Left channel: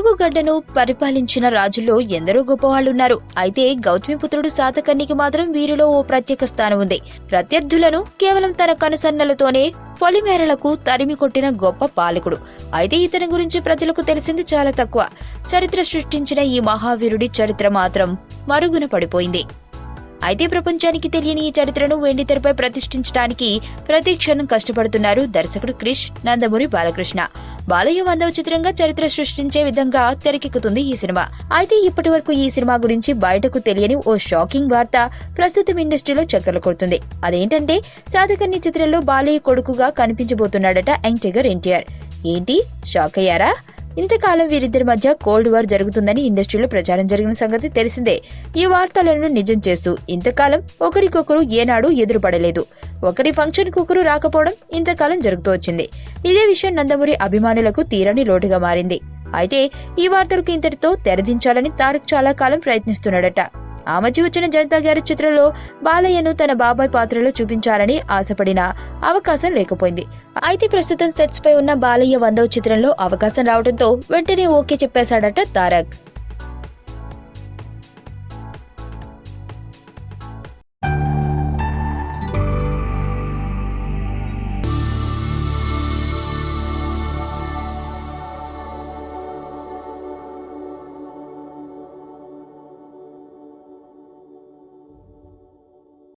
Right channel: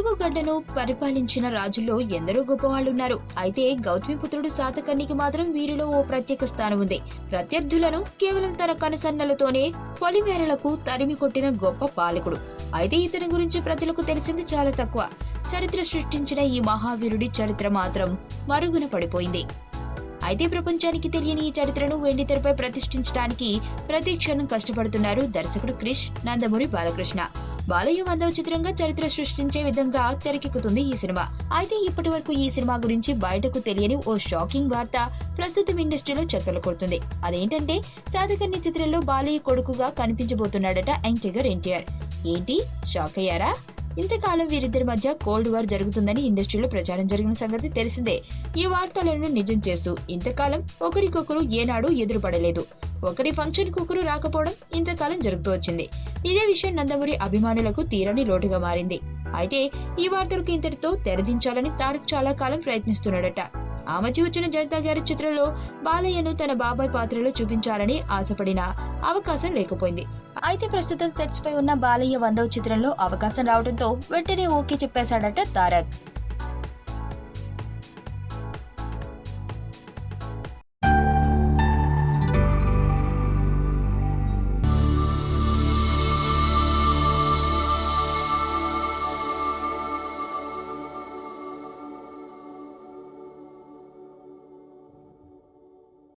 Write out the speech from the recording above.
తెలుగు గడ్డను పరిపాలించిన రాజుల్లో ఎందరో గొప్పవాళ్లున్నారు. అయితే గౌతమిపుత్రుడు శాతకర్ణికి మాత్రం వీరిలో ఓ ప్రత్యేక స్థానం ఉంది. ప్రత్యర్థులను కేవలం తన కనుసన్నలతోనే పొలిమేరలకు తరిమి కొట్టిన గొప్ప పాలకుడు. అయితే ఇతని గురించి ప్రజలకు తెలిసింది చాలా తక్కువ. చరిత్ర సృష్టించిన ఈ మహావీరుడి చరిత్ర మాత్రం మరుగున పడిపోయింది. అయితే ప్రపంచానికి తెలియని ఈ చరిత్రను వెండితెరపై ప్రతిష్ఠించడానికి ప్రతి క్షణం కష్టపడుతున్నారు దర్శకుడు క్రిష్, నందమూరి బాలకృష్ణ. బాలయ్య 100వ చిత్రంగా చరిత్ర సృష్టించే విధంగా తెరకెక్కుతుంది ఈ సినిమా. అయితే ఇప్పటి వరకు ఈ సినిమా గురించి బయటకు తెలియని ఓ షాకింగ్ వార్త ప్రస్తుతం ఇండస్ట్రీలో చక్కర్లు కొడుతుంది. అదేంటంటే శాతకర్ణి చిత్రంలో బాలయ్య కొడుకుగా కనిపించబోతున్నాడట యంగ్ టైగర్ ఎన్టీఆర్. ఏంటి, షాక్ అయ్యారా? ఇంతకాలం వీరిద్దరి మధ్య కోల్డ్ వార్ జరుగుతుందని ఇండస్ట్రీలో ప్రచారం జరిగిన సంగతి తెలిసిందే. ఈ వార్తలను నిజం చేస్తూ ఇంతకాలం ఒకరికొకరు ఏనాడు ఎదురుపడలేదు. ఒకరి ఫంక్షన్ కు ఒకరు రాకపోవడం ఇంతకాలం జరుగుతూ వచ్చింది. ఇదే విషయం నందమూరి అభిమానులకు తీరని లోటుగా మారింది. అయితే ఈ వార్తలకు ఇంతటితో తెరదించాలని తారక్ చాలా కాలం ప్రయత్నిస్తున్నాడట. ఆ మధ్య వచ్చిన జనతా గ్యారేజ్ చిత్రంలో బాలయ్యను తన బాబాయ్ పాత్రలో చూపించాలని ఆశపడిన అవకాశం లేకపోయింది. అయితే ప్రస్తుతం సెట్స్ పై ఉన్న బాలయ్య 100వ చిత్రంలో అవకాశం రావడంతో వెంటనే ఓకే చెప్పేశాడట తారక్.